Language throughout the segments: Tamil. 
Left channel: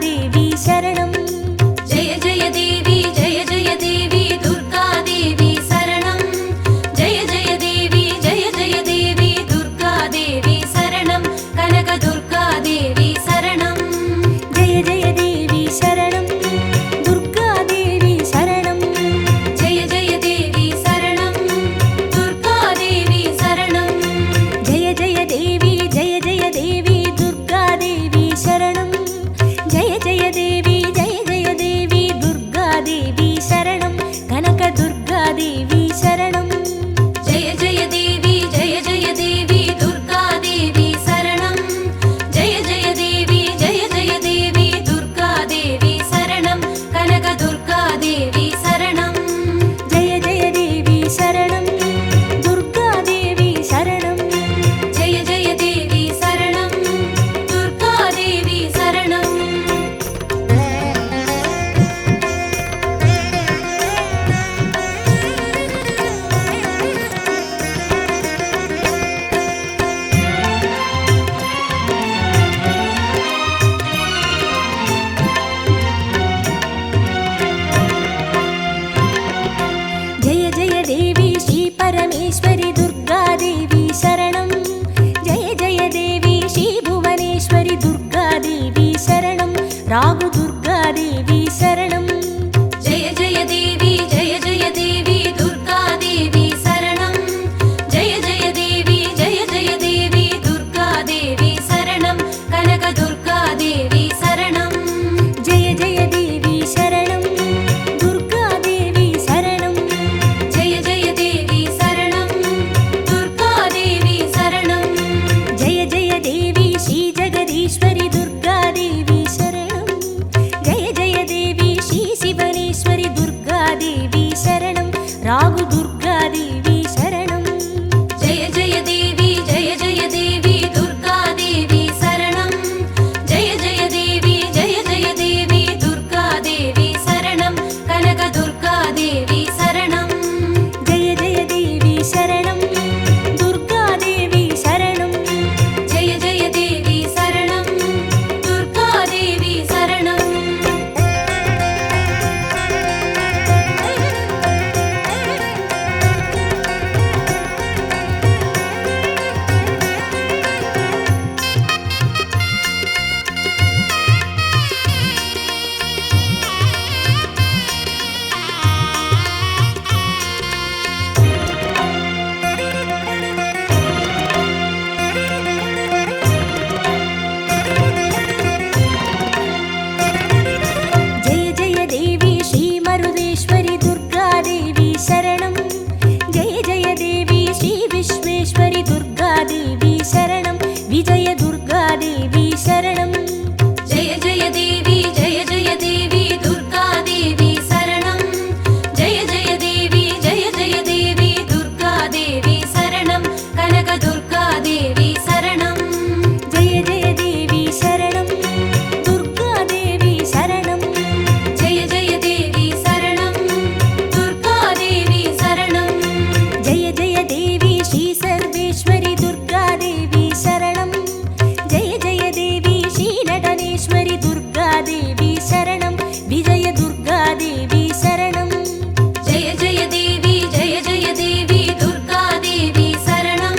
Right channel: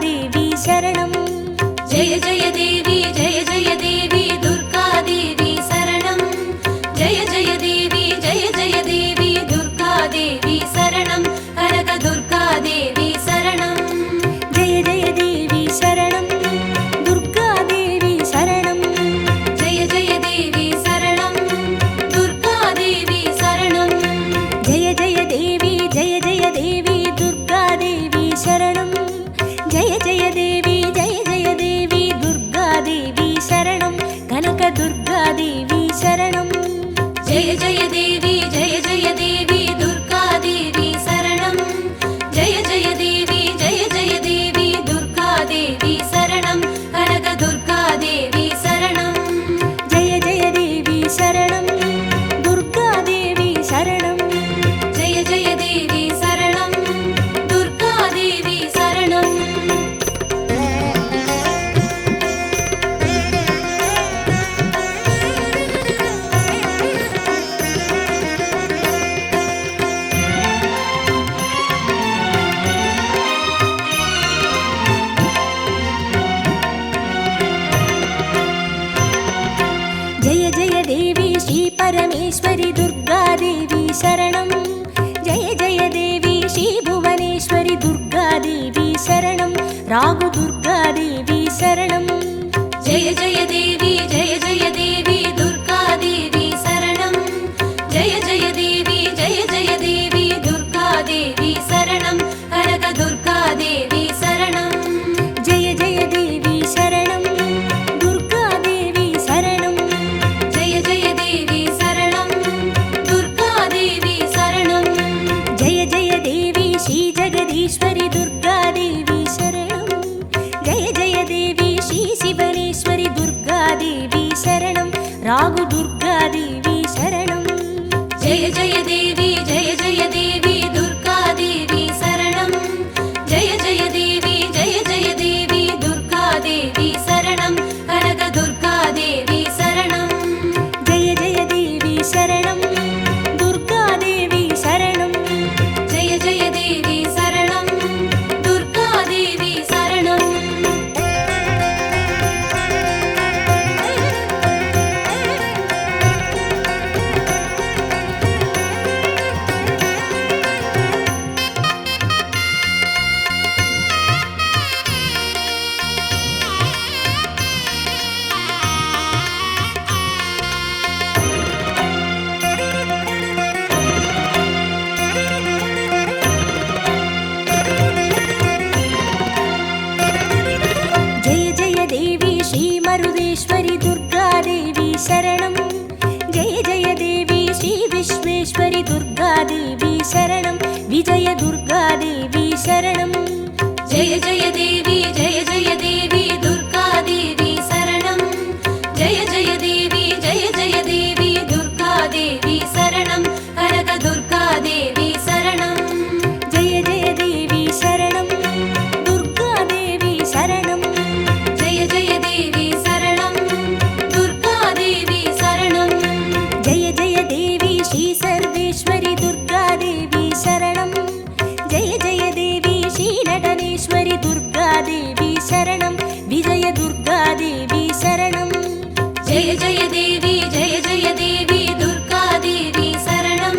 देवी शरणं जय जय देवी दुर्गा देवी शरणं जय जय देवी दुर्गा देवी शरणं कनक दुर्गा देवी शरणं जय जय देवी शरणं दुर्गा देवी शरणं जय जय देवी शरणं दुर्गा देवी शरणं जय जय देवी दुर्गा देवी शरणं जय जय देवी दुर्गा देवी शरणं कनक दुर्गा देवी शरणं जय जय देवी दुर्गा देवी शरणं जय जय देवी दुर्गा देवी शरणं कनक दुर्गा देवी शरणं जय जय देवी शरणं दुर्गा देवी शरणं जय जय देवी शरणं दुर्गा देवी शरणं जय जय देवी श्री परमेश्वरी दुर्गा देवी शरणं जय जय देवी श्री भुवनेश्वरी दुर्गा देवी शरणं रागु दुर्गा देवी शरणं जय जय देवी दुर्गा देवी शरणं जय जय देवी दुर्गा देवी शरणं कनक दुर्गा देवी शरणं जय जय देवी शरणं दुर्गा देवी शरणं जय जय देवी शरणं दुर्गा देवी शरणं जय जय देवी श्री जगदीश्वरी दुर्गा देवी शरणं जय जय देवी श्री शिवनेश्वरी दुर्गा देवी शरणं रागु दुर्गा देवी शरणं जय जय देवी दुर्गा देवी शरणं जय जय देवी दुर्गा देवी शरणं कनक दुर्गा देवी शरणं जय जय देवी शरणं दुर्गा देवी शरणं जय जय देवी शरणं दुर्गा देवी शरणं जय जय देवी श्री मरुदेश्वरी दुर्गा देवी शरणं जय जय देवी श्री विश्वेश्वरी दुर्गा देवी शरणं विजय दुर्गा देवी शरणं जय जय देवी दुर्गा देवी शरणं जय जय देवी दुर्गा देवी शरणं कनक दुर्गा देवी शरणं जय जय देवी शरणं दुर्गा देवी शरणं जय जय देवी शरणं दुर्गा देवी शरणं जय जय देवी श्री सर्वेश्वरी दुर्गा देवी शरणं जय जय देवी श्री नटनेश्वरी दुर्गा देवी शरणं विजय दुर्गा देवी शरणं जय जय देवी दुर्गा देवी शरणं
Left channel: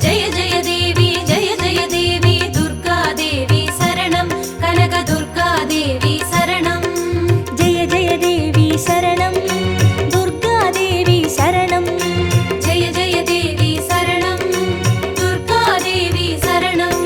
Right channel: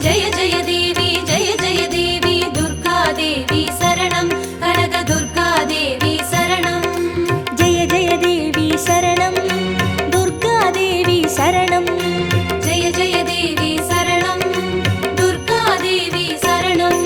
जय जय देवी दुर्गा देवी शरणं कनक दुर्गा देवी शरणं जय जय देवी शरणं दुर्गा देवी शरणं जय जय देवी शरणं दुर्गा देवी शरणं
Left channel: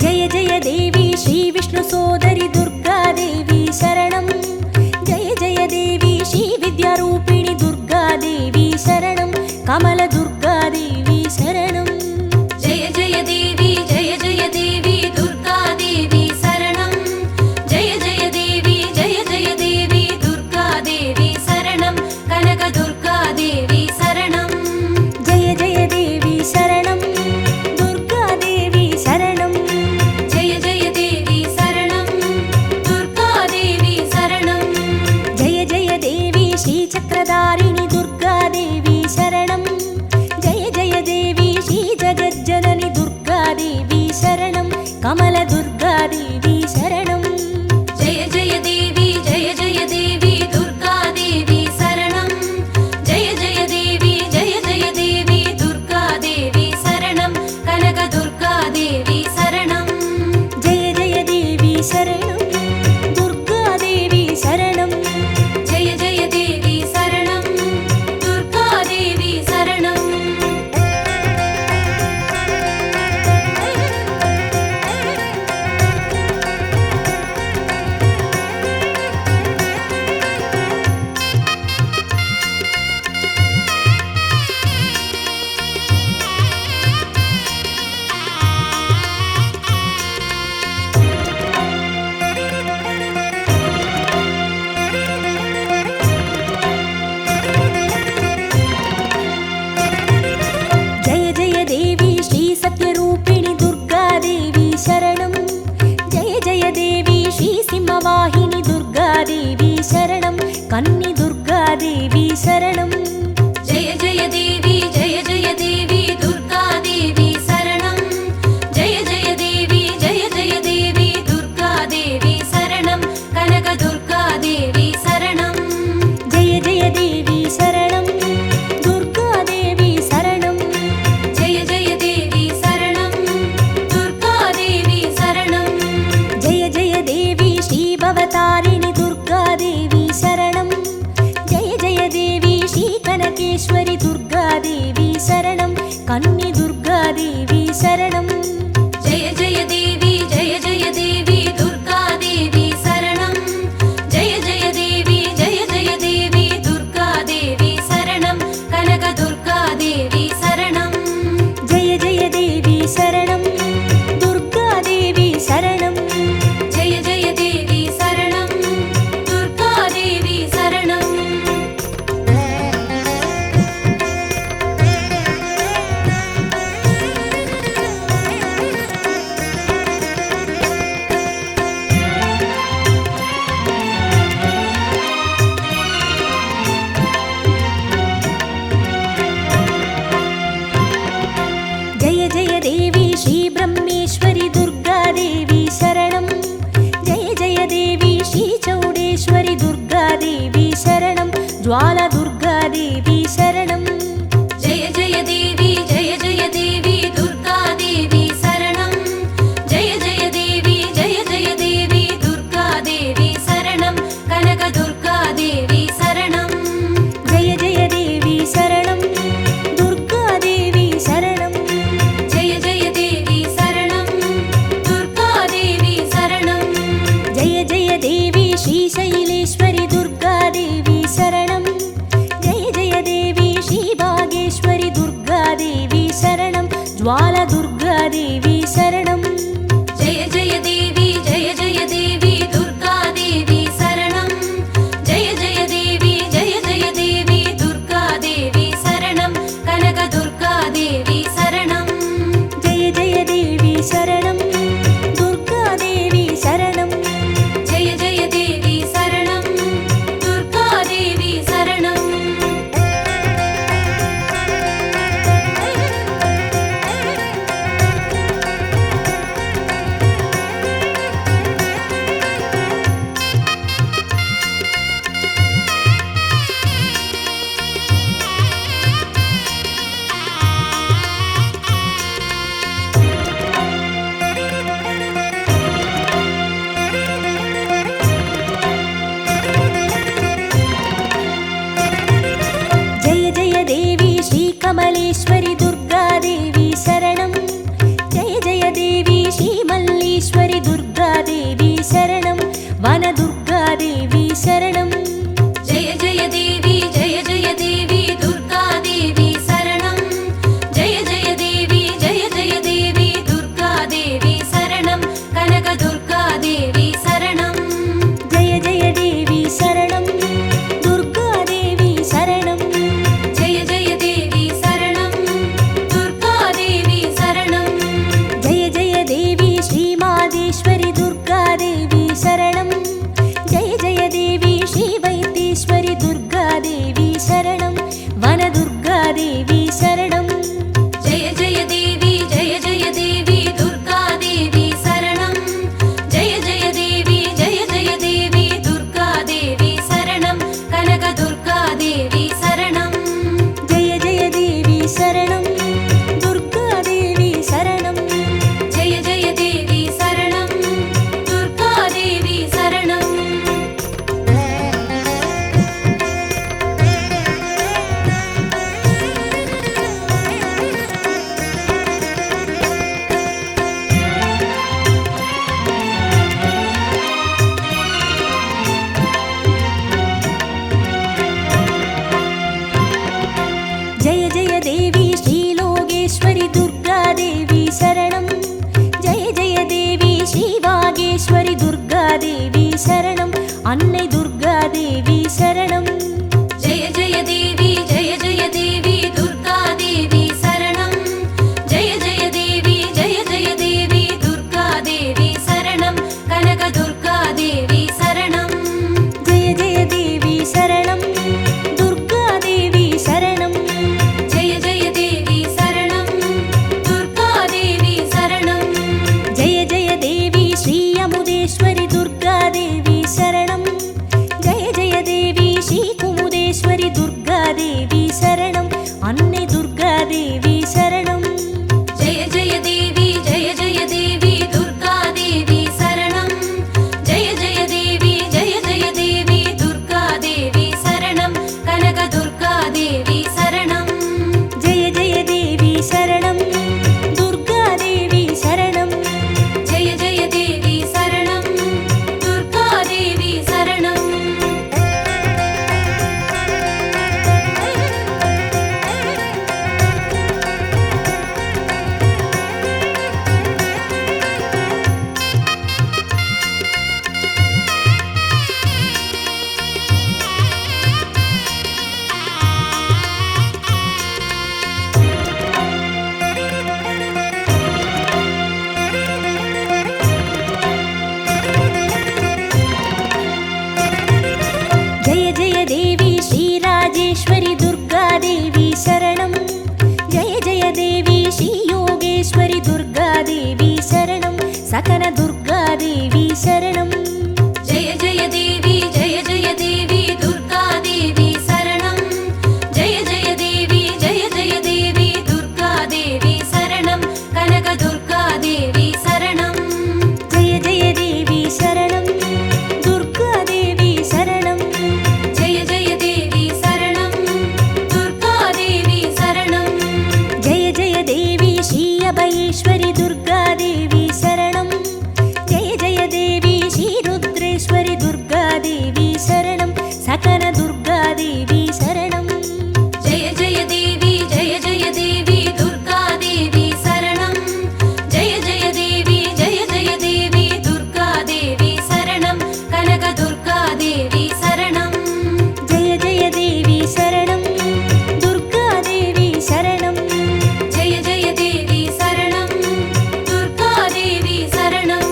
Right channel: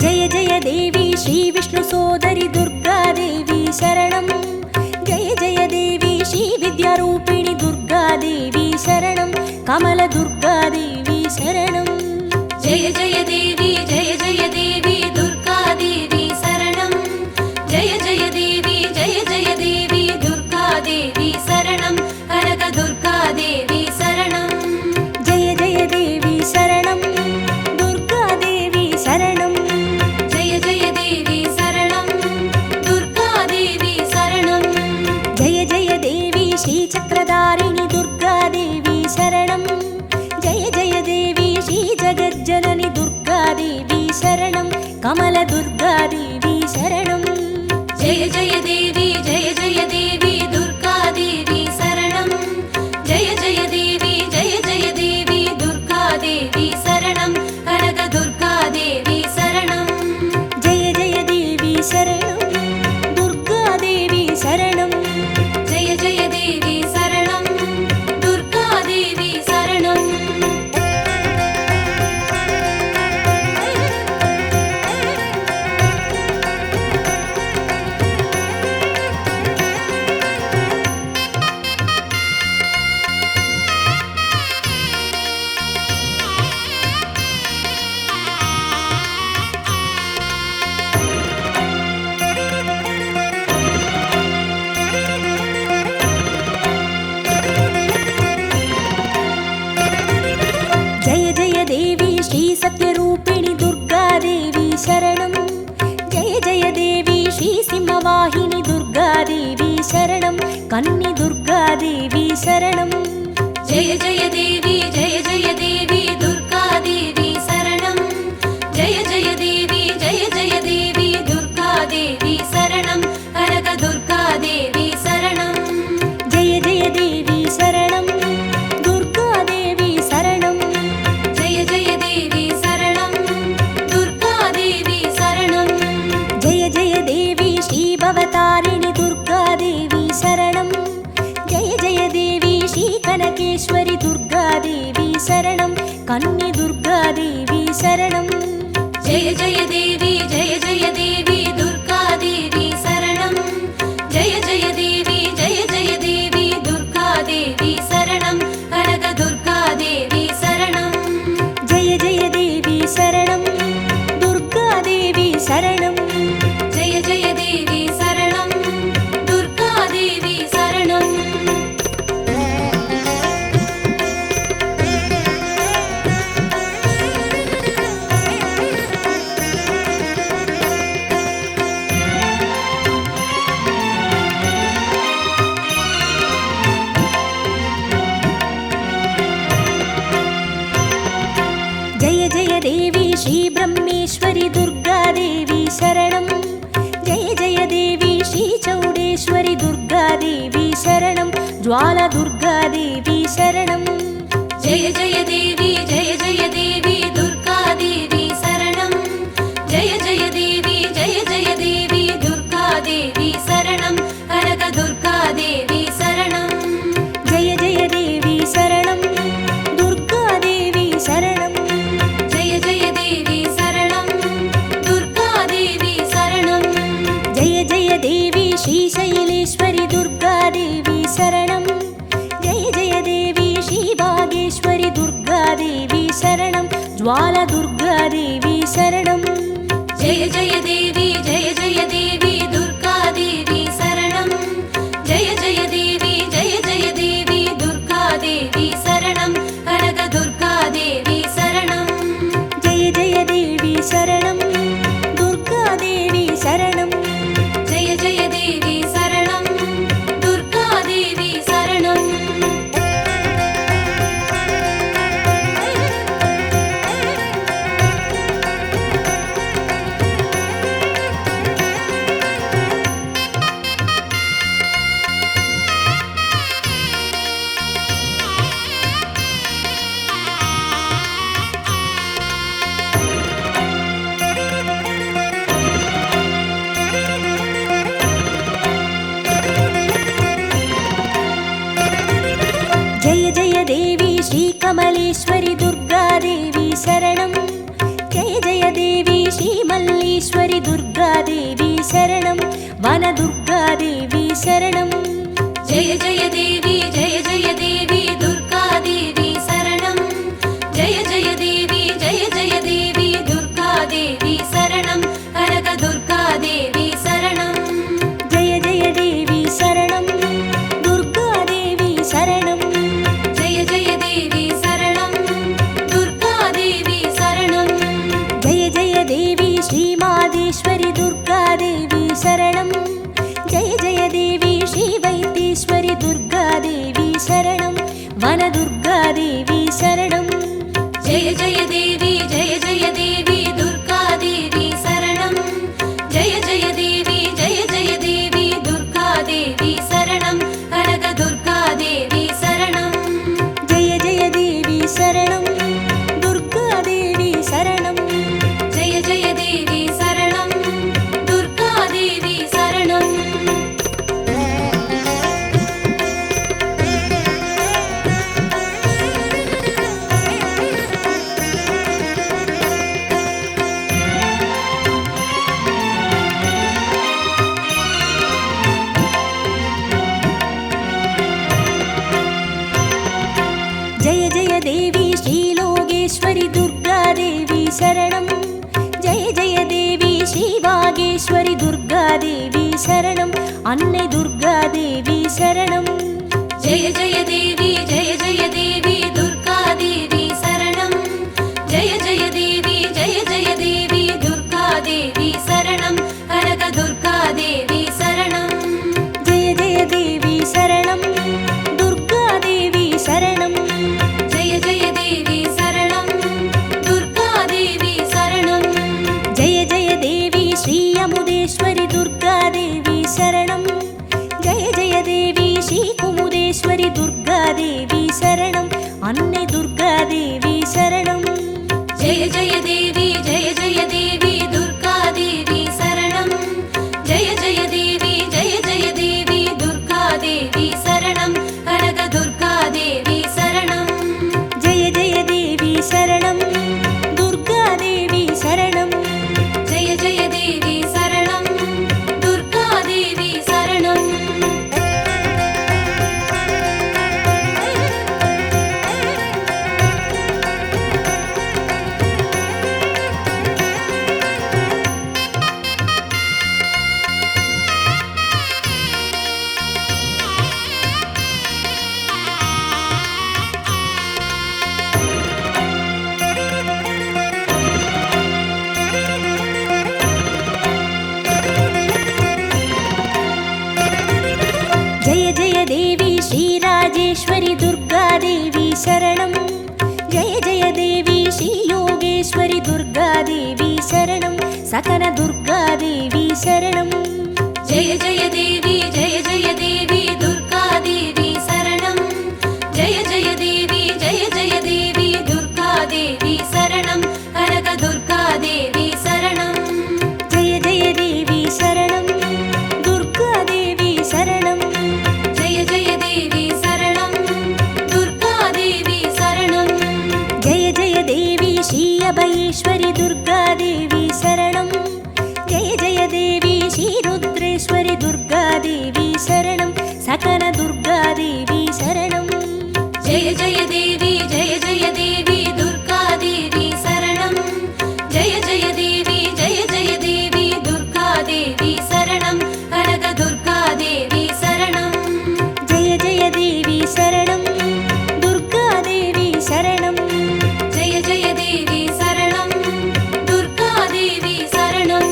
जय जय देवी श्री विष्णु सोदरी दुर्गा देवी शरणं जय जय देवी श्री विद्यारूपिणी दुर्गा देवी शरणं कमल दुर्गा देवी शरणं जय जय देवी दुर्गा देवी शरणं जय जय देवी दुर्गा देवी शरणं कनक दुर्गा देवी शरणं जय जय देवी शरणं शरणं कमलदुर्गादेवी शरणं जय जय देवी जय जय देवी दुर्गा देवी शरणं जय जय देवी दुर्गा देवी शरणं कनक दुर्गा देवी शरणं जय जय देवी शरणं दुर्गादेवी शरणं जय जय देवी शरणं दुर्गा देवी शरणं जय जय देवी श्री सत्यरूपिणि दुर्गादेवी शरणं जय जय देवी श्री सिंहवाहिनी दुर्गादेवी शरणं कन्नि दुर्गादेवी शरणं जय जय देवी दुर्गा देवी शरणं जय जय देवी दुर्गा देवी शरणं कनक दुर्गा देवी शरणं जय जय देवी शरणं दुर्गादेवी शरणं जय जय देवी शरणं दुर्गा देवी शरणं जय जय देवी श्री भवतारिणि दुर्गादेवी शरणं जय जय देवी श्री कनकेश्वरि दुर्गादेवी शरणं कन्नि दुर्गादेवी शरणं जय जय देवी दुर्गा देवी शरणं जय जय देवी दुर्गा देवी शरणं कनक दुर्गा देवी शरणं जय जय देवी शरणं दुर्गादेवी शरणं जय जय देवी शरणं दुर्गा देवी शरणं जय जय देवी श्री ब्रह्मेश्वरि दुर्गादेवी शरणं जय जय देवी श्री चौडेश्वरि दुर्गादेवी शरणं ज्वाला दुर्गादेवी शरणं जय जय देवी दुर्गा देवी शरणं जय जय देवी दुर्गा देवी शरणं कनक दुर्गा देवी शरणं जय जय देवी शरणं दुर्गादेवी शरणं जय जय देवी शरणं दुर्गा देवी शरणं जय जय देवी श्री शैलेश्वरि दुर्गादेवी शरणं जय जय देवी श्री भागेश्वरि दुर्गादेवी शरणं ज्वाला दुर्गादेवी शरणं जय जय देवी दुर्गा देवी शरणं जय जय देवी दुर्गा देवी शरणं कनक दुर्गा देवी शरणं जय जय देवी शरणं दुर्गादेवी शरणं जय जय देवी शरणं दुर्गा देवी शरणं जय जय देवी श्री कमलेश्वरि दुर्गादेवी शरणं जय जय देवी श्री मल्लीश्वरि दुर्गादेवी शरणं वनदुर्गादेवी शरणं जय जय देवी दुर्गा देवी शरणं जय जय देवी दुर्गा देवी शरणं कनक दुर्गा देवी शरणं जय जय देवी शरणं दुर्गादेवी शरणं जय जय देवी शरणं दुर्गा देवी शरणं जय जय देवी श्री मादेश्वरि दुर्गादेवी शरणं जय जय देवी श्री वैद्येश्वरि दुर्गादेवी शरणं वनदुर्गादेवी शरणं जय जय देवी दुर्गा சரணம். ஜெய ஜெய தேவி ஸ்ரீ வாகேஸ்வரி துர்கா தேவி சரணம். அன்னை துர்கா தேவி சரணம். ஜெய ஜெய தேவி ஜெய ஜெய தேவி துர்கா தேவி சரணம். ஜெய ஜெய தேவி ஜெய ஜெய தேவி துர்கா தேவி சரணம். கனக துர்கா தேவி சரணம். ஜெய ஜெய தேவி சரணம். துர்கா தேவி சரணம். ஜெய ஜெய தேவி சரணம். துர்கா தேவி சரணம். ஜெய ஜெய தேவி ஸ்ரீ அமுதேஸ்வரி துர்கா தேவி சரணம். ஜெய ஜெய தேவி ஸ்ரீ குமுதேஸ்வரி துர்கா தேவி சரணம். அன்னை துர்கா தேவி சரணம். ஜெய ஜெய தேவி ஜெய ஜெய தேவி துர்கா தேவி சரணம். ஜெய ஜெய தேவி ஜெய ஜெய தேவி துர்கா தேவி சரணம். கனக துர்கா தேவி சரணம். ஜெய ஜெய தேவி சரணம். துர்கா தேவி சரணம். ஜெய ஜெய தேவி சரணம். துர்கா தேவி சரணம். ஜெய ஜெய தேவி ஸ்ரீ ராஜேஸ்வரி துர்கா தேவி சரணம். ஜெய ஜெய தேவி ஸ்ரீ யோகேஸ்வரி துர்கா தேவி சரணம். சகன துர்கா தேவி சரணம். ஜெய ஜெய தேவி ஜெய ஜெய தேவி துர்கா தேவி சரணம். ஜெய ஜெய தேவி ஜெய ஜெய தேவி துர்கா தேவி சரணம். கனக துர்கா தேவி சரணம். ஜெய ஜெய தேவி சரணம். துர்கா தேவி சரணம். ஜெய ஜெய தேவி சரணம். துர்கா தேவி சரணம். ஜெய ஜெய தேவி ஸ்ரீ அபயேஸ்வரி துர்கா தேவி சரணம். ஜெய ஜெய தேவி ஸ்ரீ ருத்ரேஸ்வரி துர்கா தேவி சரணம். சகன துர்கா தேவி சரணம். ஜெய ஜெய தேவி ஜெய ஜெய தேவி துர்கா தேவி சரணம். ஜெய ஜெய தேவி ஜெய ஜெய தேவி துர்கா தேவி சரணம். கனக துர்கா தேவி சரணம். ஜெய ஜெய தேவி சரணம். துர்கா தேவி சரணம். ஜெய ஜெய தேவி சரணம். துர்கா தேவி சரணம்.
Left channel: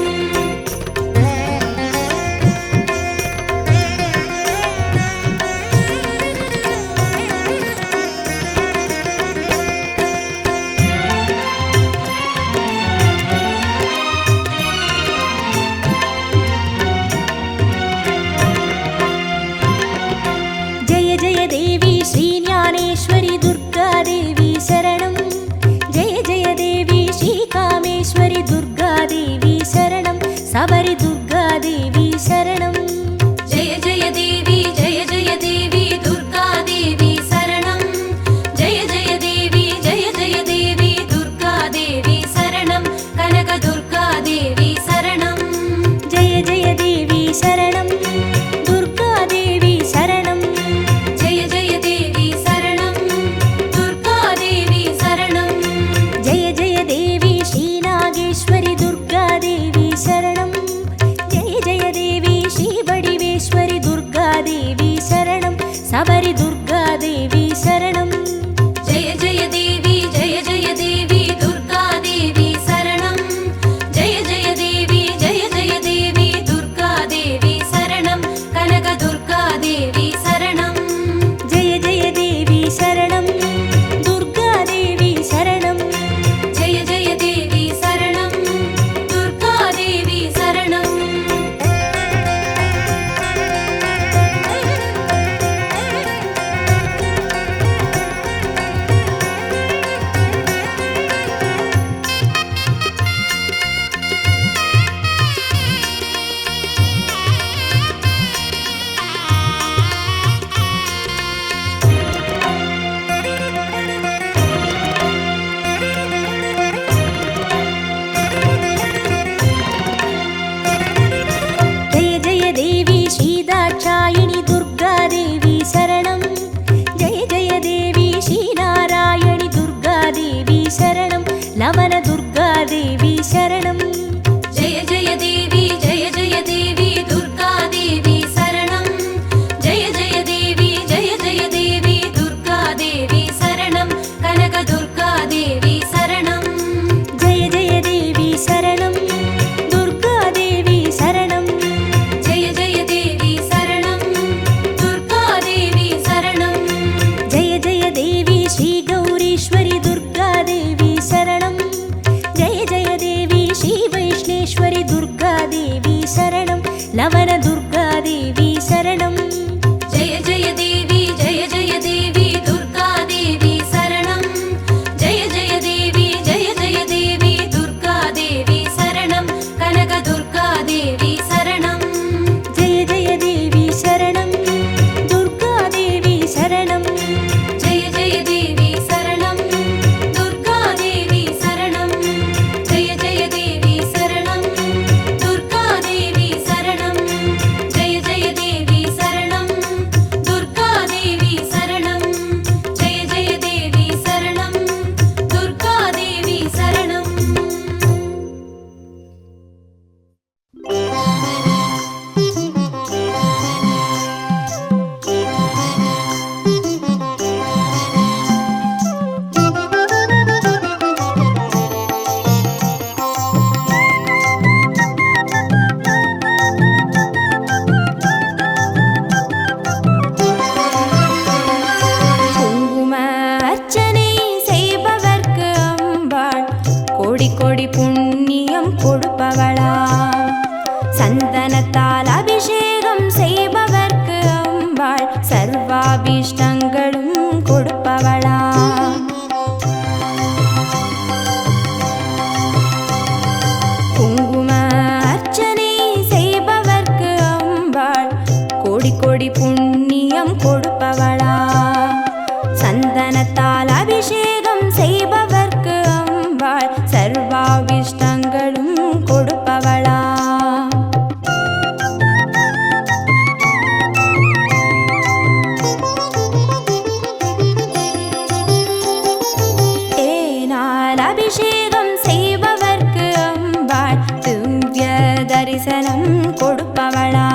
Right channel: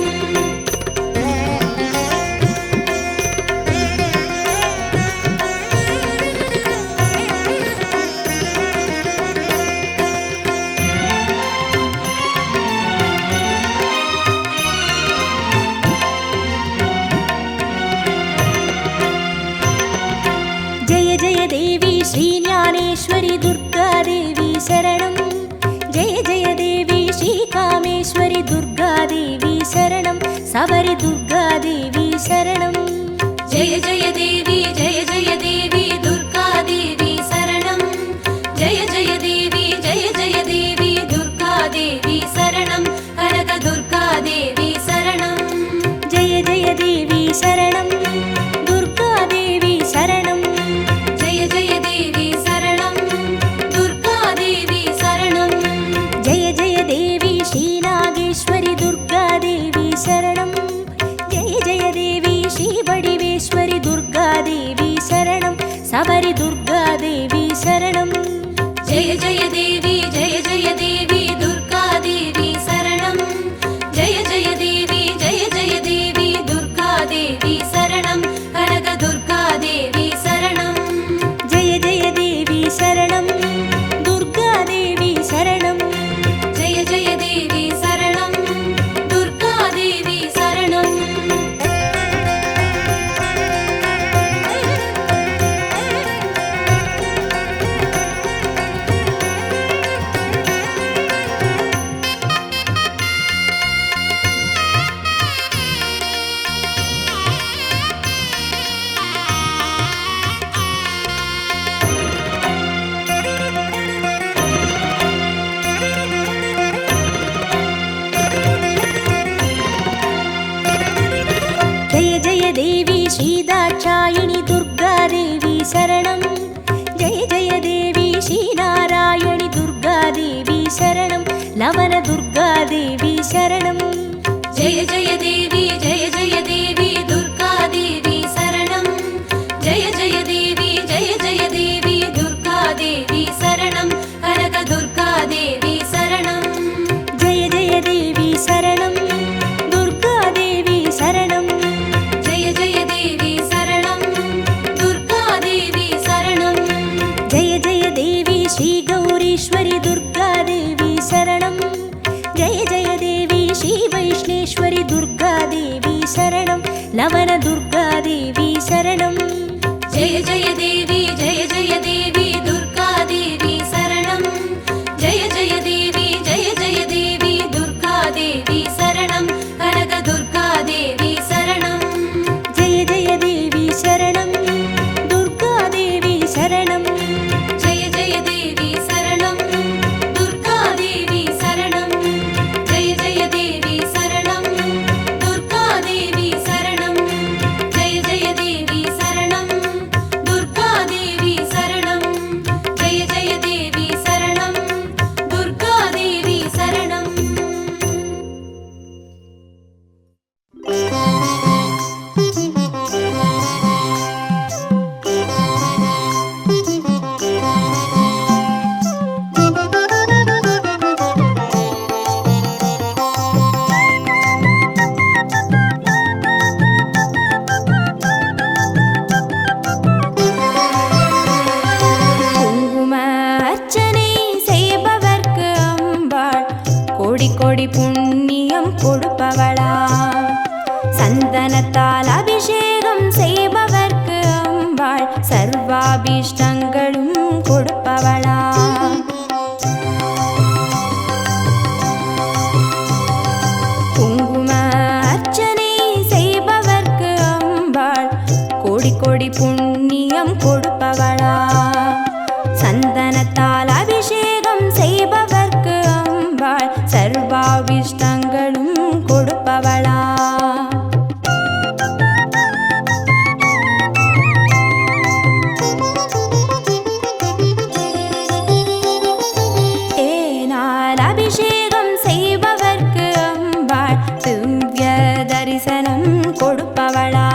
ஜெய ஜெய தேவி ஸ்ரீ ஞானேஸ்வரி துர்கா தேவி சரணம். ஜெய ஜெய தேவி ஸ்ரீ காமேஸ்வரி துர்கா தேவி சரணம். சபரி துர்கா தேவி சரணம். ஜெய ஜெய தேவி ஜெய ஜெய தேவி துர்கா தேவி சரணம். ஜெய ஜெய தேவி ஜெய ஜெய தேவி துர்கா தேவி சரணம். கனக துர்கா தேவி சரணம். ஜெய ஜெய தேவி சரணம். துர்கா தேவி சரணம். ஜெய ஜெய தேவி சரணம். துர்கா தேவி சரணம். ஜெய ஜெய தேவி ஸ்ரீ நாகேஸ்வரி துர்கா தேவி சரணம். ஜெய ஜெய தேவி ஸ்ரீ வடிவேஸ்வரி துர்கா தேவி சரணம். சபரி துர்கா தேவி சரணம். ஜெய ஜெய தேவி ஜெய ஜெய தேவி துர்கா தேவி சரணம். ஜெய ஜெய தேவி ஜெய ஜெய தேவி துர்கா தேவி சரணம். கனக துர்கா தேவி சரணம். ஜெய ஜெய தேவி சரணம். துர்கா தேவி சரணம். ஜெய ஜெய தேவி சரணம். துர்கா தேவி சரணம். தேவி ஸ்ரீ தாட்சாயினி துர்கா தேவி சரணம். ஜெய ஜெய தேவி ஸ்ரீ நாராயணி துர்கா தேவி शरणं लवनदुर्गादेवी शरणं जय जय देवी जय जय देवी दुर्गा देवी शरणं जय जय देवी दुर्गा देवी शरणं कनकदुर्गा देवी शरणं जय जय देवी शरणं दुर्गा देवी शरणं जय जय देवी शरणं दुर्गा देवी शरणं जय जय देवी श्री गौरीश्वरी दुर्गा देवी शरणं जय जय देवी श्री वैष्णेश्वरी दुर्गा देवी शरणं लवनदुर्गा देवी शरणं जय जय देवी दुर्गा देवी शरणं जय जय देवी दुर्गा देवी शरणं कनकदुर्गा देवी शरणं जय जय देवी शरणं दुर्गा देवी शरणं जय जय देवी शरणं दुर्गा देवी शरणं जय जय देवी शरणं दुर्गा देवी शरणं जय जय देवी शरणं दुर्गा देवी शरणं जय जय देवी शरणं दुर्गा देवी शरणं குங்கும அர்ச்சனை செய்பவர்க்கு அம்பாள் கோடி கோடி புண்ணியம் கொடுப்பவளா சந்தனத்தால் அபிஷேகம் செய்பவர்க்கு அம்பாள் சர்வாபிஷ்டங்களும் கொடுப்பவளா குங்கும அர்ச்சனை செய்பவர்க்கு அம்பாள் கோடி கோடி புண்ணியம் கொடுப்பவளா சந்தனத்தால் அபிஷேகம் செய்பவர்க்கு அம்பாள் சர்வாபிஷ்டங்களும் கொடுப்பவளா தேனால் அபிஷேகம் செய்பவர்க்கு அம்பாள் திவ்ய தரிசனம் கொடுப்பவளா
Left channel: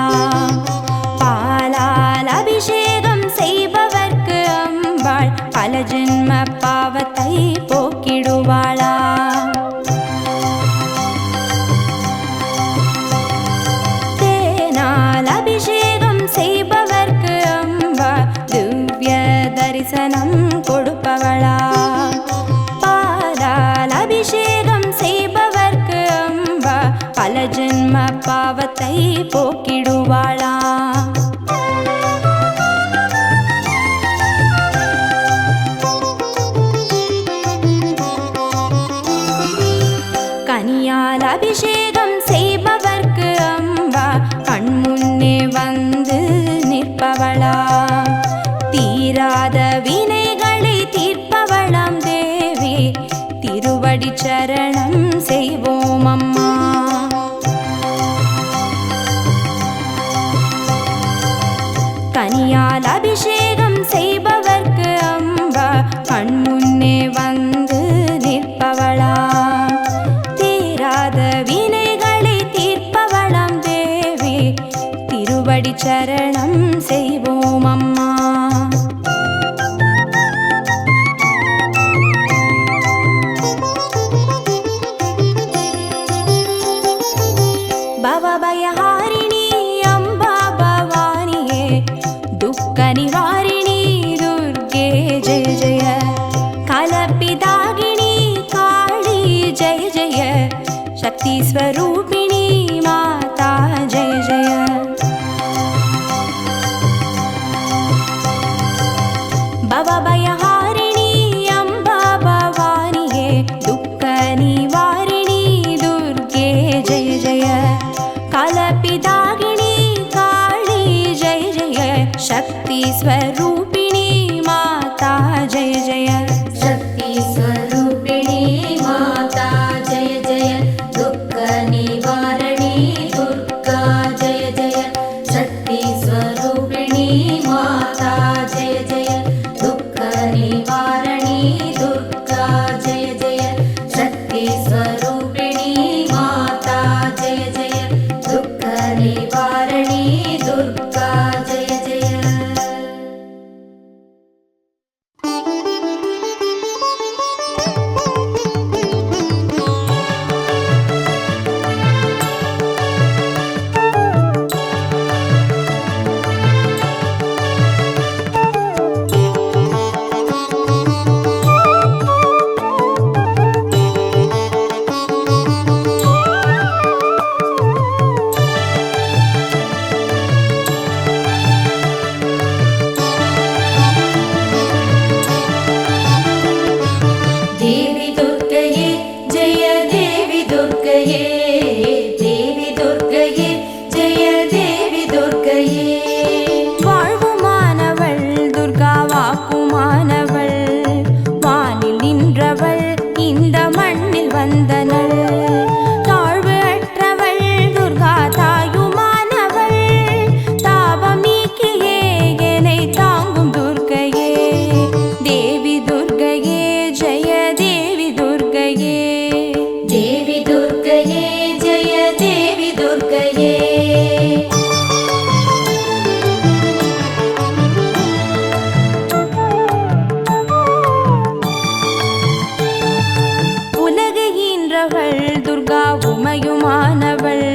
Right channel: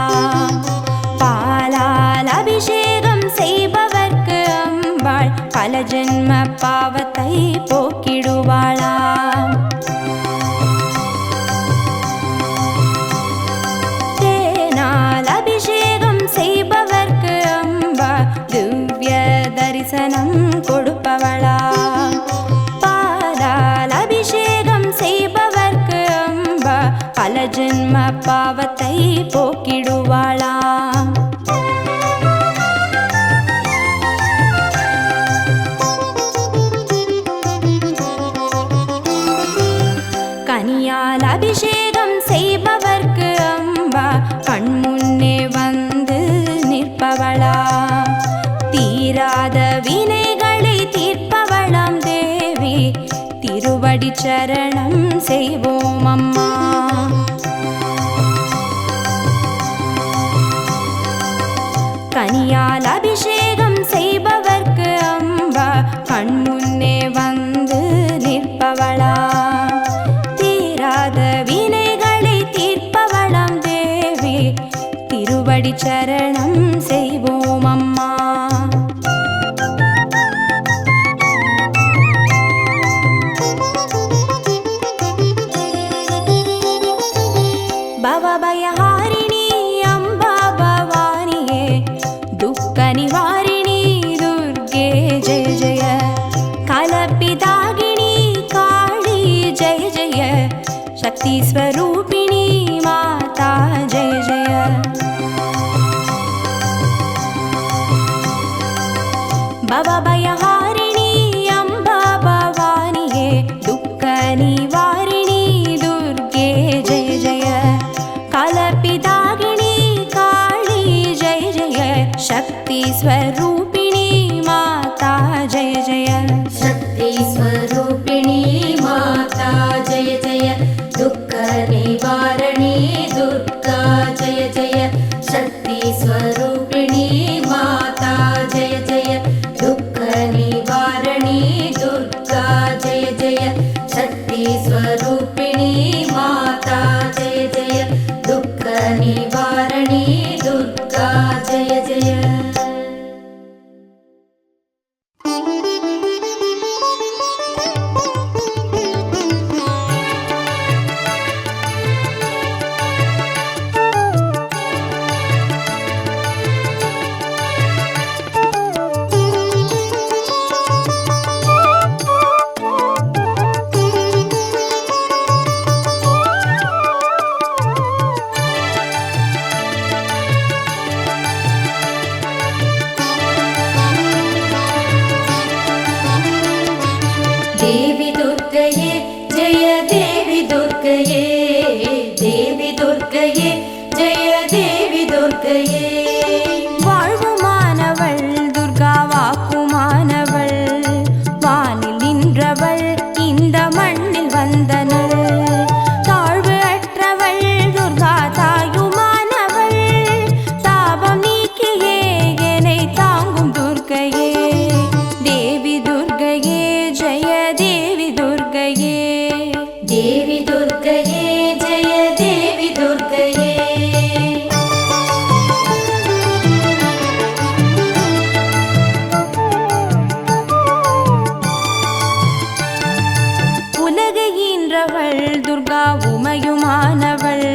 பாலால் அபிஷேகம் செய்பவர்க்கு அம்பாள் பல ஜென்ம பாவத்தை போக்கிடுவாளா தேனால் அபிஷேகம் செய்பவர்க்கு அம்பாள் திவ்ய தரிசனம் கொடுப்பவளா பாலால் அபிஷேகம் செய்பவர்க்கு அம்பா பல ஜென்ம பாவத்தை போக்கிடுவாளா கனியால் அபிஷேகம் செய்பவர்க்கு அம்பா கண்முன்னே வந்து நிற்பவளா தீராத வினைகளை தீர்ப்பவளாம் தேவி திருவடி சரணம் செய்வோம் அம்மா கனியால் அபிஷேகம் செய்பவர்க்கு அம்பா கண்முன்னே வந்து நிற்பவளா தீராத வினைகளை தீர்ப்பவளாம் தேவி திருவடி சரணம் செய்வோம் அம்மா பவபயஹாரிணி அம்பா பவானியே துக்க நிவாரிணி துர்கே ஜெய ஜெய கலப்பிதாகினி காளி ஜெய ஜெய சக்தி ஸ்வரூபிணி மாதா ஜெய ஜெய பவபயஹாரிணி அம்பா பவானியே துக்க நிவாரிணி துர்கே ஜெய ஜெய கலப்பிதாகினி காளி ஜெய ஜெய சக்தி ஸ்வரூபிணி மாதா ஜெய ஜெய शक्ति स्वरूपिणी माता जय जय दुःख निवारणी दुर्गा जय जय शक्ति स्वरूपिणी माता जय जय दुःख निवारणी दुर्गा जय जय कारणी दुर्गा जय जय। देवी दुर्गये जय देवी दुर्गये, देवी दुर्गये जय देवी दुर्गये। வாழ்வுமானவள் துர்கா வாக்குமானவள், வானில் நின்றவள் இந்த மண்ணில் வந்தனள். தாழ்வு அற்றவள் துர்கா தாயுமானவள், தாபம் நீக்கியே என்னை தாங்கும் துர்க்கையே. தேவி துர்கையே ஜெய தேவி துர்கையே, देवी दुर्गये जय देवी दुर्गये। உலகை ஈன்றவள் துர்கா உமையுமானவள்,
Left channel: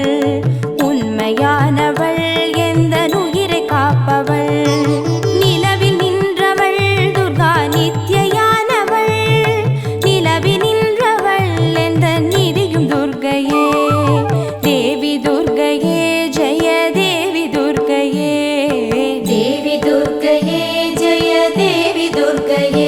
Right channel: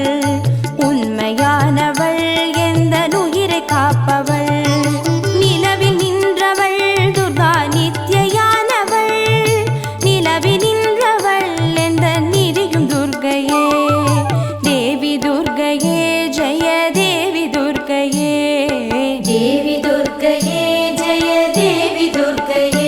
உண்மையானவள் எந்த உயிரை காப்பவள். நிலவில் நின்றவள் துர்கா நித்யானவள், நிலவில் நின்றவள் எந்த நிதியும் துர்கையே. தேவி துர்கையே ஜெய தேவி துர்கையே, देवी दुर्गये जय देवी दुर्गये।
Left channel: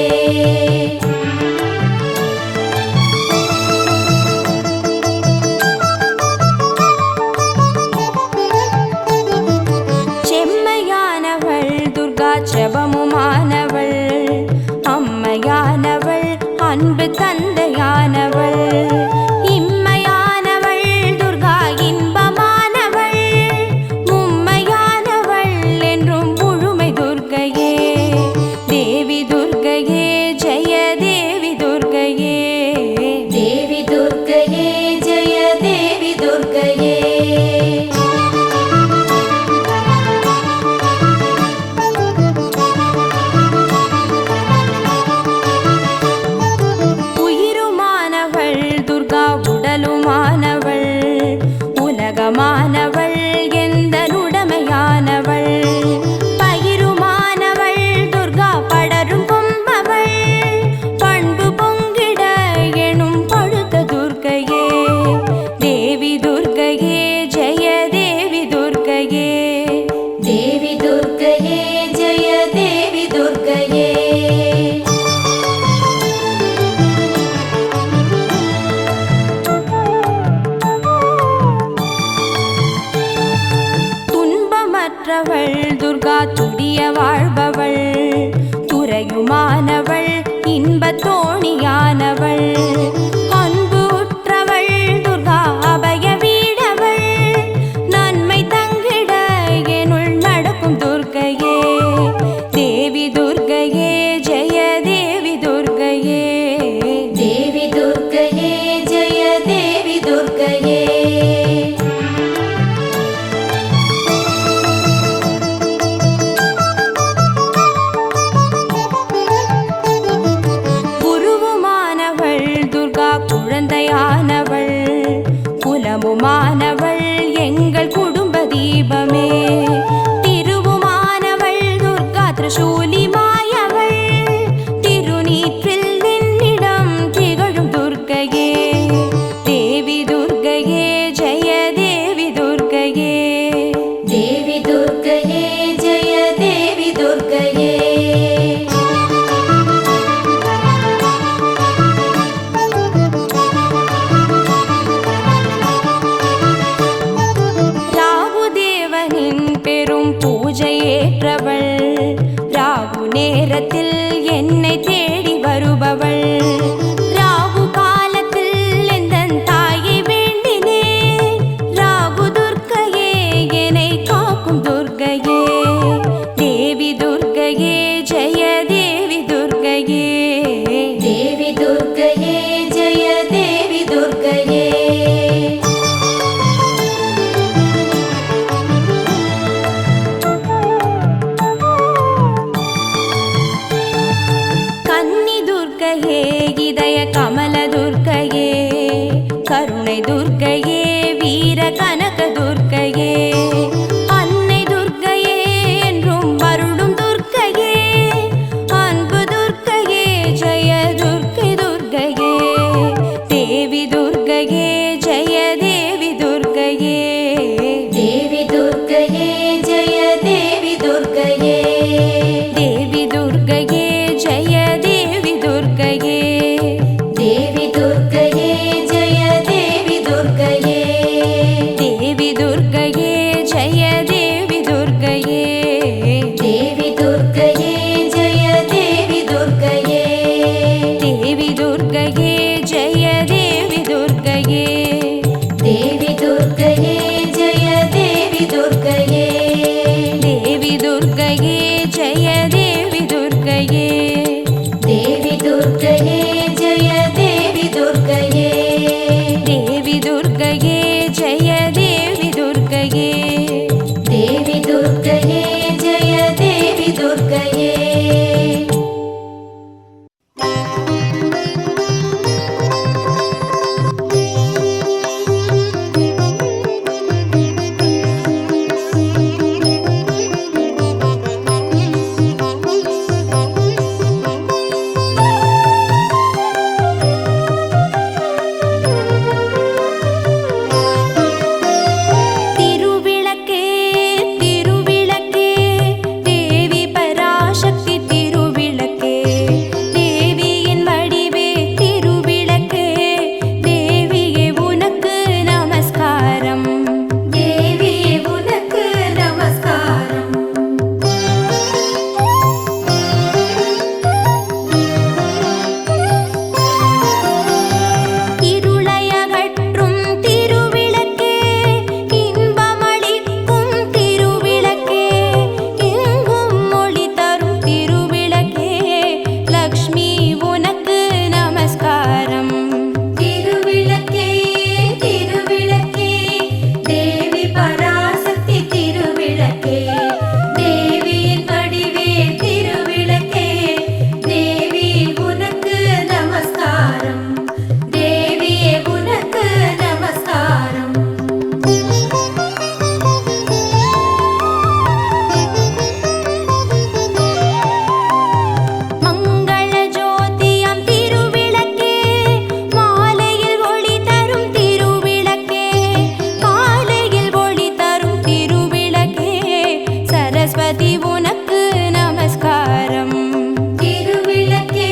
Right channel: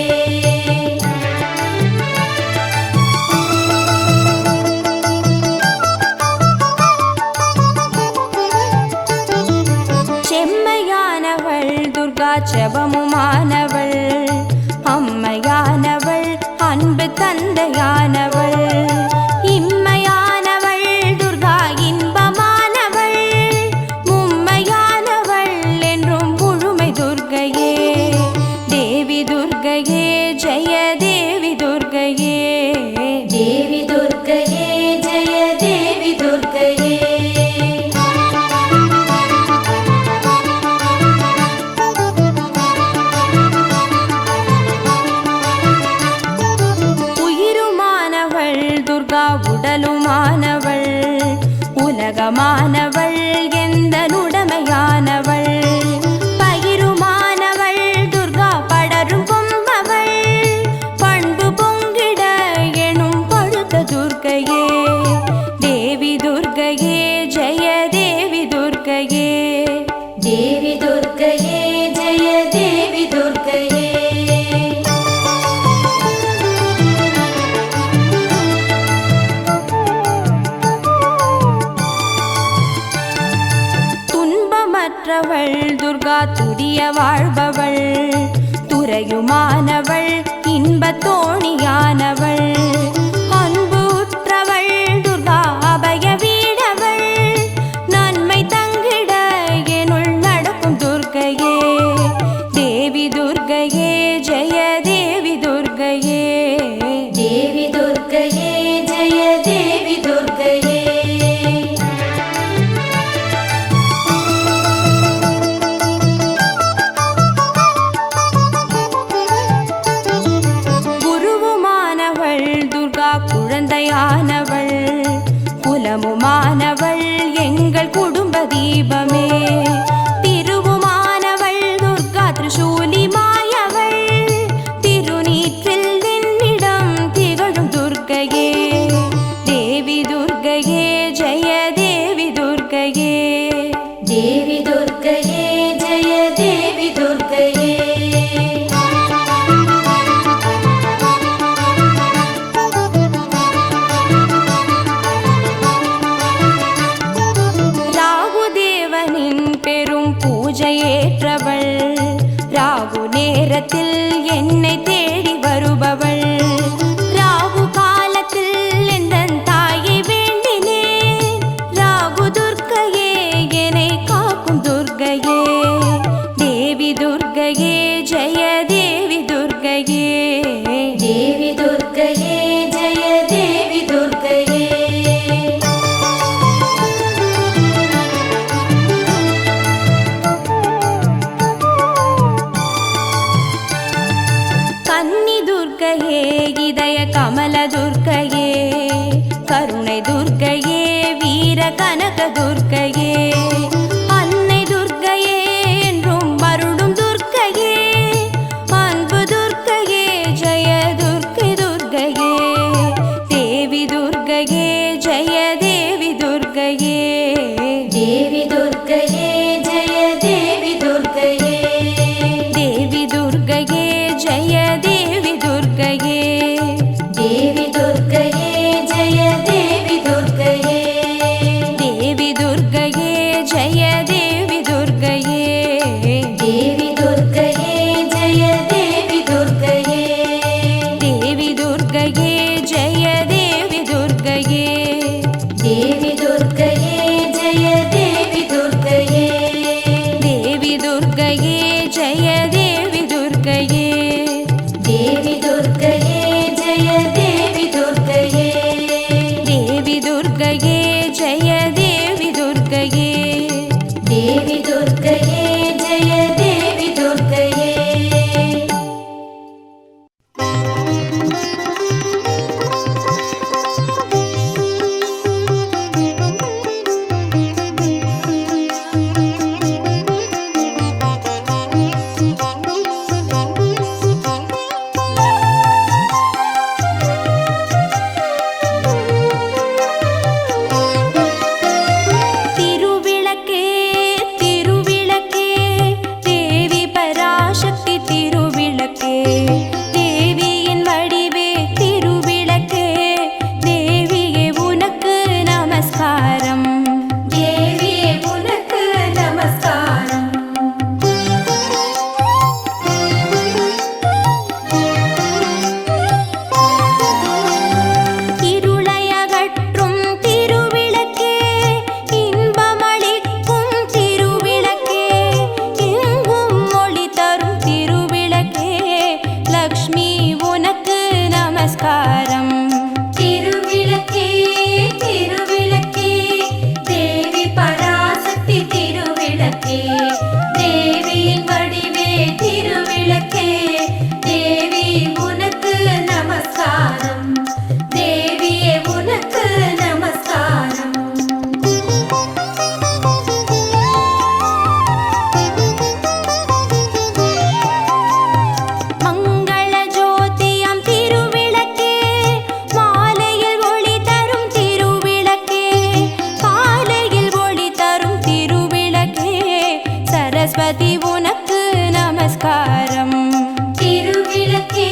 செம்மையானவள் துர்கா செபமுமானவள், அம்மையானவள் அன்பு தந்தையானவள். இம்மையானவள் துர்கா இன்பமானவள், மும்மையானவள் என்றும் முழுமை துர்கையே. தேவி துர்கையே ஜெய தேவி துர்கையே, देवी दुर्गये जय देवी दुर्गये। உயிருமானவள் துர்கா உடலுமானவள், உலகமானவள் எந்த உடமையானவள். பயிருமானவள் துர்கா படரும் கொம்பவள், பண்பு பொங்கிட எனும் பழுத்த துர்க்கையே. தேவி துர்கையே ஜெய தேவி துர்கையே, देवी दुर्गये जय देवी दुर्गये। துன்பமற்றவள் துர்கா துரிய வாழ்பவள், துறையுமானவள் இன்பத் தோணியானவள். அன்பு உற்றவள் துர்கா அபய வீடவள், நன்மை தங்கிட எனுள் நடக்கும் துர்க்கையே. தேவி துர்கையே ஜெய தேவி துர்கையே, देवी दुर्गये जय देवी दुर्गये। குருவுமானவள் துர்கா குழந்தையானவள், குலமுமானவள் எங்கள் குடும்ப தீபமே. திருவுமானவள் துர்கா திரிசூலி மாயவள், திருநீற்றில் என்னிடம் திகழும் துர்க்கையே. தேவி துர்கையே ஜெய தேவி துர்கையே, देवी दुर्गये जय देवी दुर्गये। ராகுதேவனின் பெரும் பூஜையேற்றவள், ராகு நேரத்தில் என்னை தேடி வருபவள். ராகு காலத்தில் எந்தன் தாயை வேண்டினேன், ராகு துர்க்கையே என்னை காக்கும் துர்க்கையே. தேவி துர்க்கையே ஜெய தேவி துர்க்கையே, देवी दुर्गये जय देवी दुर्गये। கமல துர்க்கையே, கருணை துர்க்கையே, வீர கனக துர்க்கையே, அன்னை துர்க்கையே, என்றும் அருளும் துர்க்கையே, அன்பு துர்க்கையே, ஜெய துர்க்கை துர்க்கையே, தேவி துர்க்கையே, ஜெய தேவி துர்க்கையே, தேவி துர்க்கையே ஜெய தேவி துர்க்கையே, தேவி துர்க்கையே, ஜெய தேவி துர்க்கையே, தேவி துர்க்கையே ஜெய தேவி துர்க்கையே, தேவி துர்க்கையே, ஜெய தேவி துர்க்கையே, தேவி துர்க்கையே ஜெய தேவி துர்க்கையே, தேவி துர்க்கையே, ஜெய தேவி துர்க்கையே, தேவி துர்க்கையே ஜெய தேவி துர்க்கையே, தேவி துர்க்கையே, ஜெய தேவி துர்க்கையே, தேவி துர்க்கையே ஜெய தேவி துர்க்கையே, தேவி துர்க்கையே, ஜெய தேவி துர்க்கையே, தேவி துர்க்கையே ஜெய தேவி துர்க்கையே. திருவிளக்கே திருவிளக்கே, தேவி பராசக்தி திருவிளக்கே, தேவியின் வடிவே திருவிளக்கே, தேவியே உனக்கு நமஸ்காரம், தேவி உனக்கு நமஸ்காரம், இருளையகற்றும் திருவிளக்கே, இன்பமளிக்கும் திருவிளக்கே, எங்கும் ஒளி தரும் திருவிளக்கே, லக்ஷ்மி உனக்கு நமஸ்காரம், திருவிளக்கே திருவிளக்கே, தேவி பராசக்தி திருவிளக்கே, தேவியின் வடிவே திருவிளக்கே, தேவி உனக்கு நமஸ்காரம், தேவியே உனக்கு நமஸ்காரம். மங்கள ஜோதியம் திருவிளக்கே, மாலையில் ஒளி தரும் திருவிளக்கே, காலையில் ஒளி தரும் திருவிளக்கே, சரஸ்வதி உனக்கு நமஸ்காரம், திருவிளக்கே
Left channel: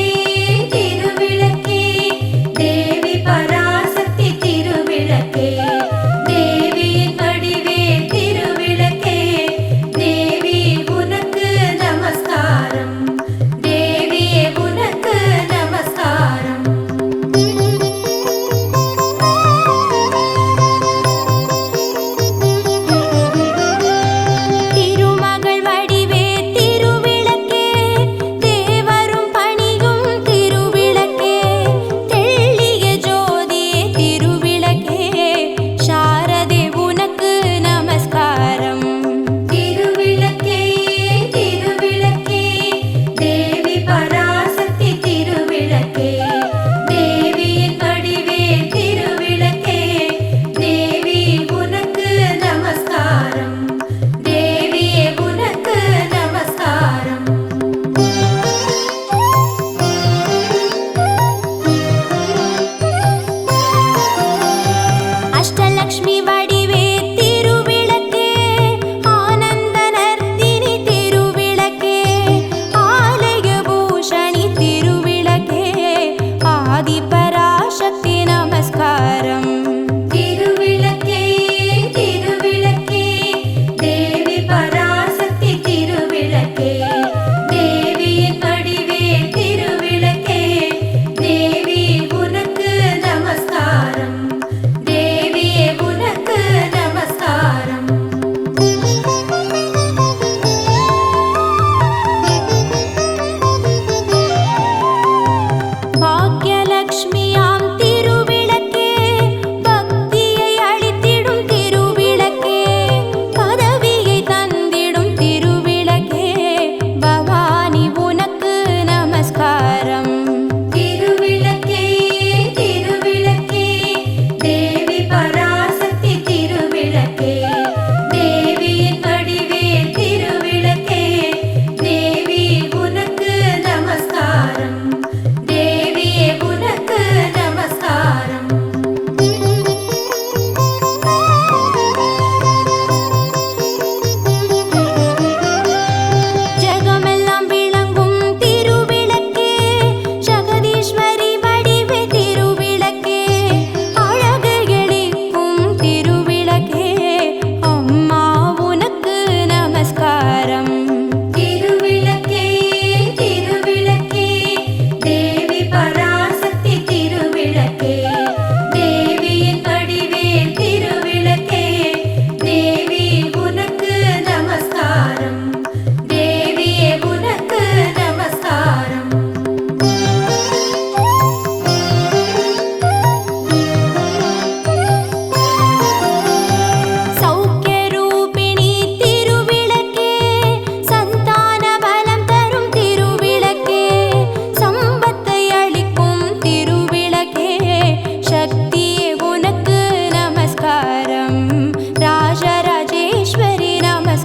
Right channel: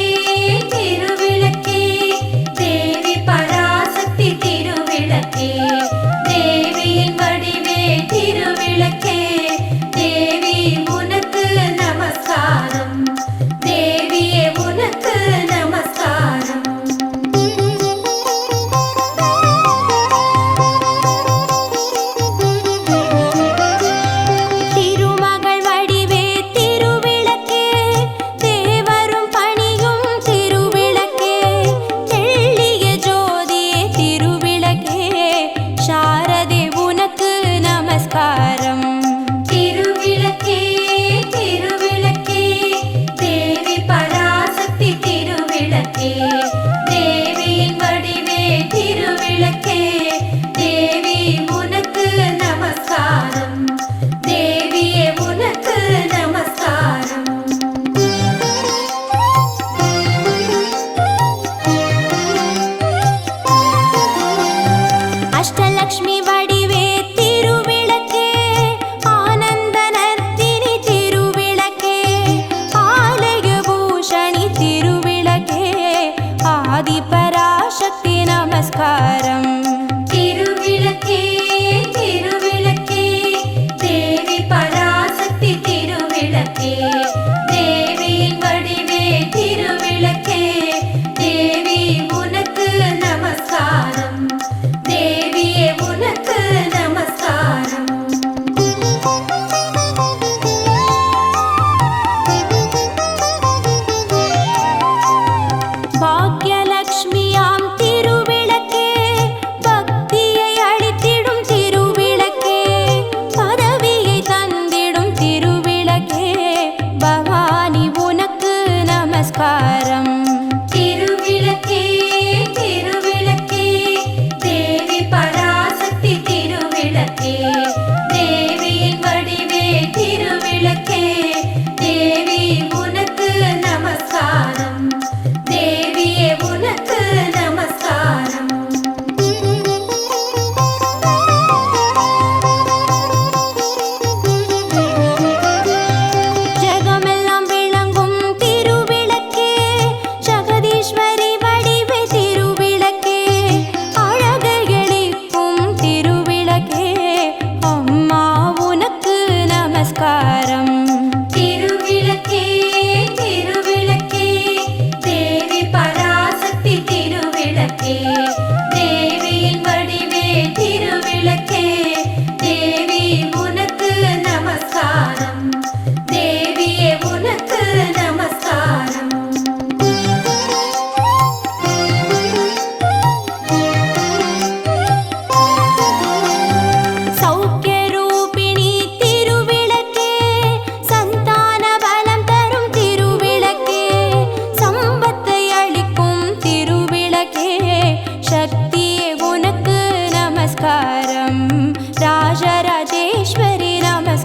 திருவிளக்கே, தேவி பராசக்தி திருவிளக்கே, தேவியின் வடிவே திருவிளக்கே, தேவி உனக்கு நமஸ்காரம், தேவியே உனக்கு நமஸ்காரம். திருமகள் வடிவே திருவிளக்கே,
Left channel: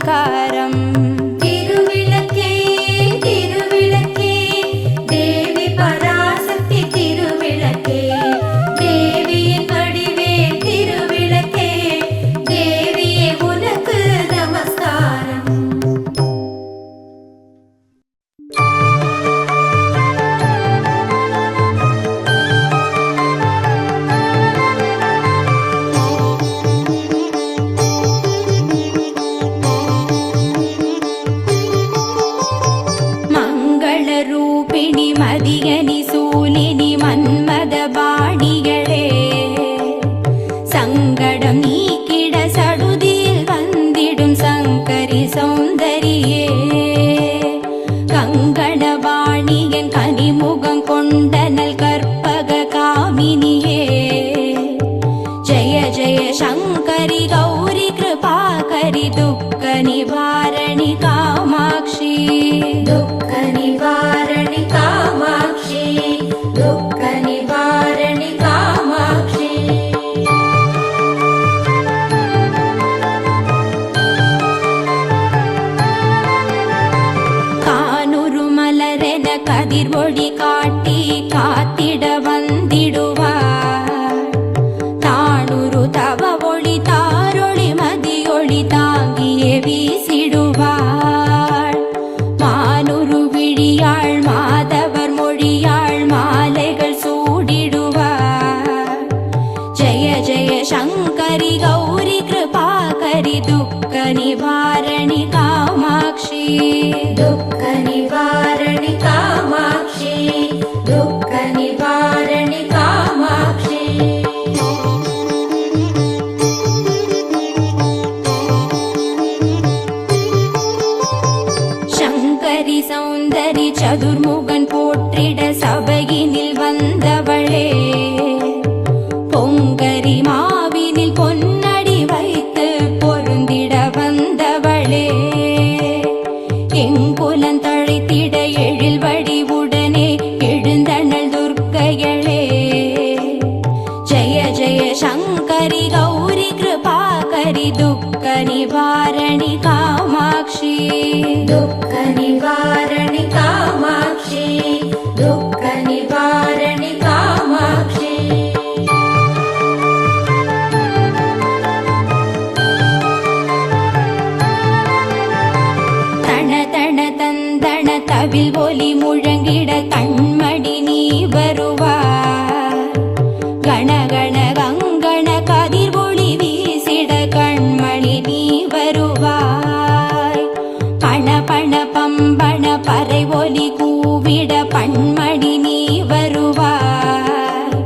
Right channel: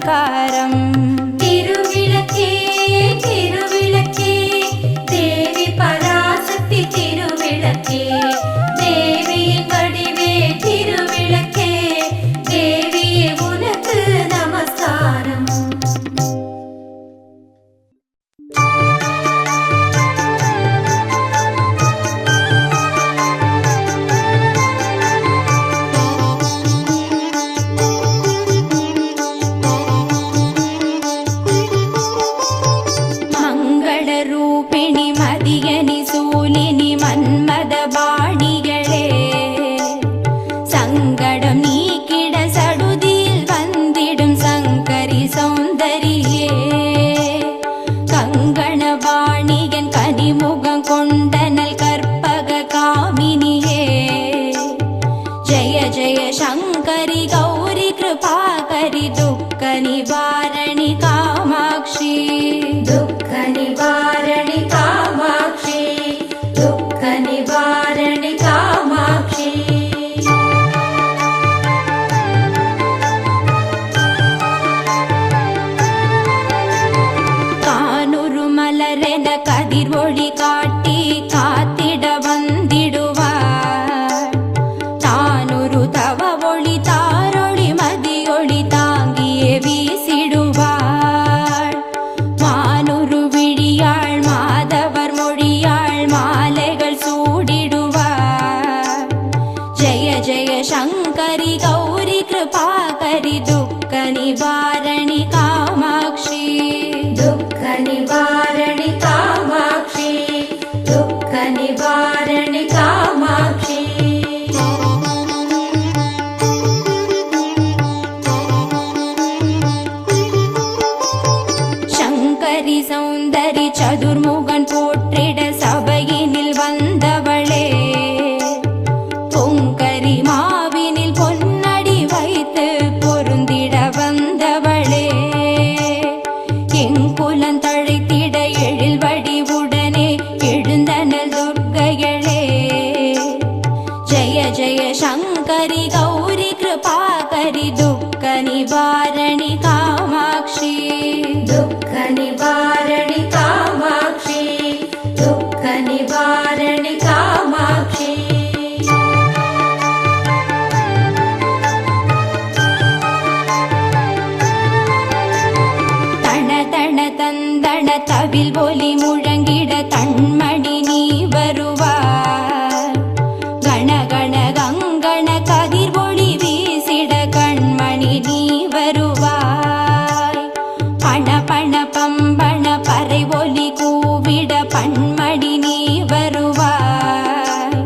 நமஸ்காரம். திருவிளக்கே திருவிளக்கே தேவி பராசக்தி திருவிளக்கே தேவியின் வடிவே திருவிளக்கே தேவியே உனக்கு நமஸ்காரம். ரூபிணி மதியனி சூலினி மன்மத பாணிகளே சங்கடம் நீக்கிட சடுதியில் வந்திடும் சங்கரி சௌந்தரியே கங்கணவாணியன் கனிமுகம் கொண்டனல் கற்பக காமினியே ஜய ஜய சங்கரி கௌரி கிருபாகரி துக்க நிவாரணி காமாட்சி துக்க நிவாரணி காமாட்சி துக்க நிவாரணி காமாட்சி. கானுரு மலரென கதிர் ஒளி காட்டி காத்திட வந்திடுவார் தானுரு தவ ஒளி தாரொளி மதியொளி தாங்கியே வீசிடுவார் மானுரு விழியாள் மாதவர் மொழியாள் மாலைகள் சூடிடுவார் ஜய ஜய சங்கரி கௌரி கிருபாகரி துக்க நிவாரணி காமாட்சி துக்க நிவாரணி காமாட்சி துக்க நிவாரணி காமாட்சி. சங்கரி சௌந்தரி சதுர்முகன் போற்றிட சபையினில் வந்தவளே பொங்கரி மாவினில் பொன்னடி வைத்து பொருந்திட வந்தவளே எங்குலன் தழைத்திட எழில் வடிவுடனே எழுந்தனல் துர்க்கையளே ஜய ஜய சங்கரி கௌரி கிருபாகரி துக்க நிவாரணி காமாட்சி துக்க நிவாரணி காமாட்சி துக்க நிவாரணி காமாட்சி. தன தன தந்தன தவில் ஒலி முழங்கிட கண்மணி நீ வருவார் கணகண கங்கண கதிர் ஒளி வீசிட கண்மணி நீ வருவாய் பண பண பம்பண பறை ஒலி கூவிட பண்மணி நீ வருவாய்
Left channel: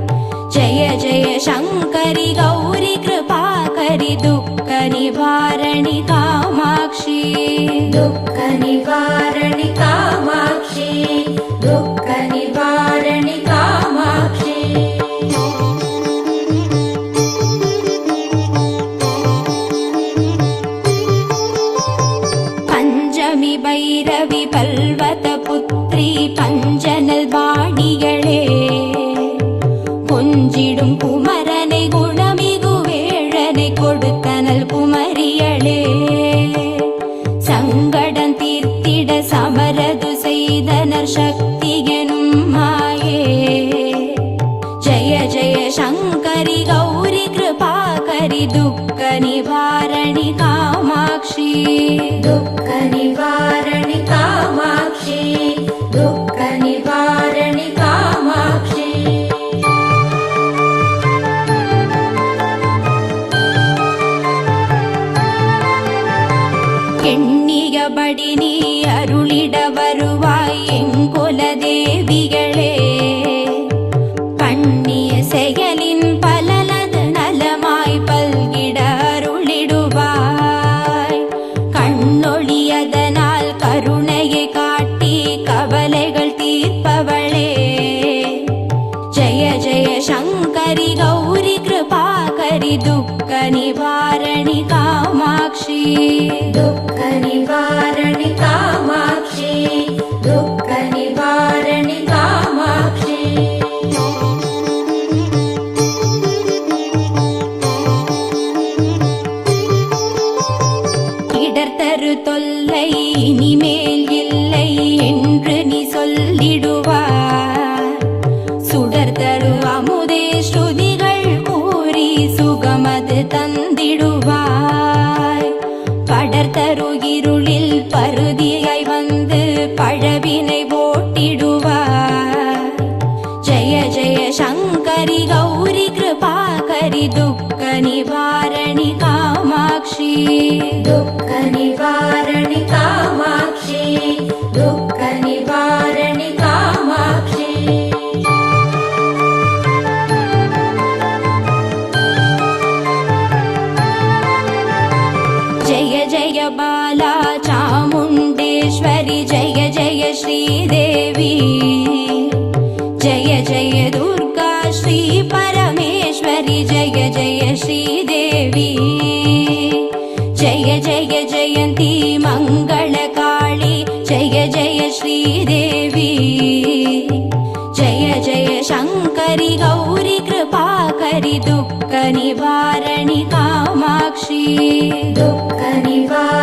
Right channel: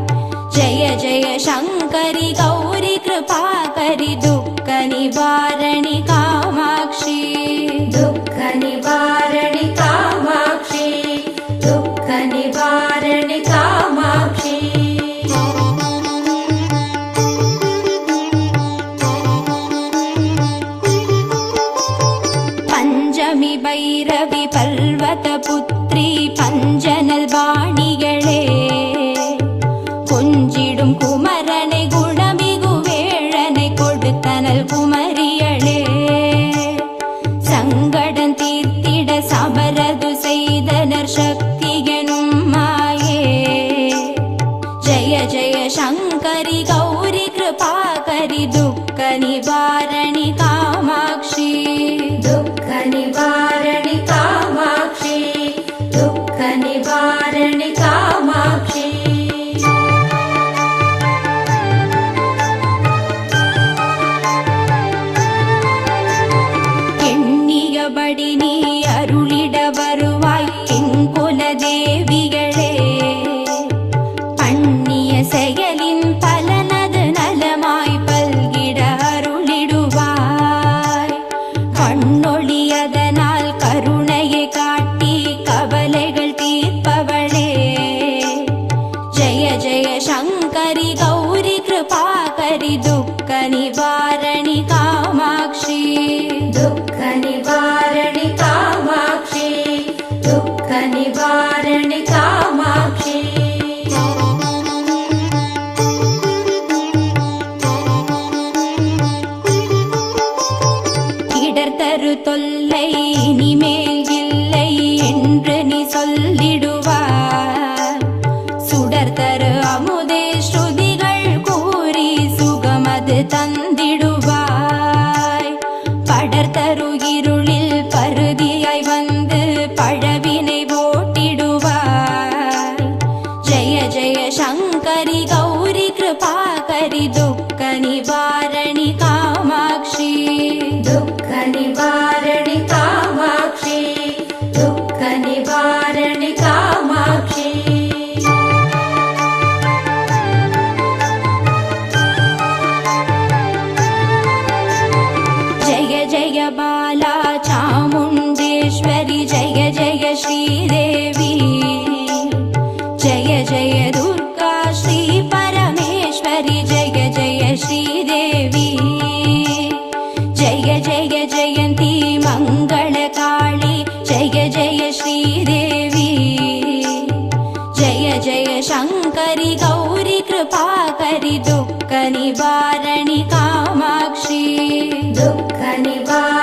ஜய ஜய சங்கரி கௌரி கிருபாகரி துக்க நிவாரணி காமாட்சி துக்க நிவாரணி காமாட்சி துக்க நிவாரணி காமாட்சி. பஞ்சமி பைரவி பல்வத புத்ரி பஞ்சனல் பாணிகளே கொஞ்சிடும் குமரனை குணமிகு வேழனை கொடுத்தனல் குமரியளே சங்கடம் தீர்த்திட சமரது செய்தனர் சக்தி எனும் மாயே ஜய ஜய சங்கரி கௌரி கிருபாகரி துக்க நிவாரணி காமாட்சி துக்க நிவாரணி காமாட்சி துக்க நிவாரணி காமாட்சி. எண்ணியபடி நீ அருளிட வருவாய் எங்குல தேவிகளே பண்ணிய செயலின் பலனது நலமாய் பல்கிட அருளிடுவாய் கண்ணொழியதனால் கருணையை காட்டி கவலைகள் தீர்ப்பவளே ஜய ஜய சங்கரி கௌரி கிருபாகரி துக்க நிவாரணி காமாட்சி துக்க நிவாரணி காமாட்சி துக்க நிவாரணி காமாட்சி. இடர்தரு தரு தொல்லை இனிமேல் இல்லை என்று நீ சொல்லிடுவாய். சுடர் தரு அமுதே ஸ்ருதிகள் கூறி சுகமது தந்திடுவாய். படர் தரு இருளில் பருதியாய் வந்து பழவினை ஓட்டிடுவாய். ஜெய ஜெய சங்கரி கௌரி கிருபாகரி துக்க நிவாரணி காமாட்சி. துக்க நிவாரணி காமாட்சி. துக்க நிவாரணி காமாட்சி. जय जय बाला चामुण्डेश्वरि जय जय श्रीदेवी. जय जय दुर्गा श्री परमेश्वरि जय जय श्रीदेवी. जय जय जयन्ती मङ्गलकाळी जय जय श्रीदेवी. जय जय शङ्करि गौरी कृपाकरि दुःख निवारणि कामाक्षी. दुःख निवारणि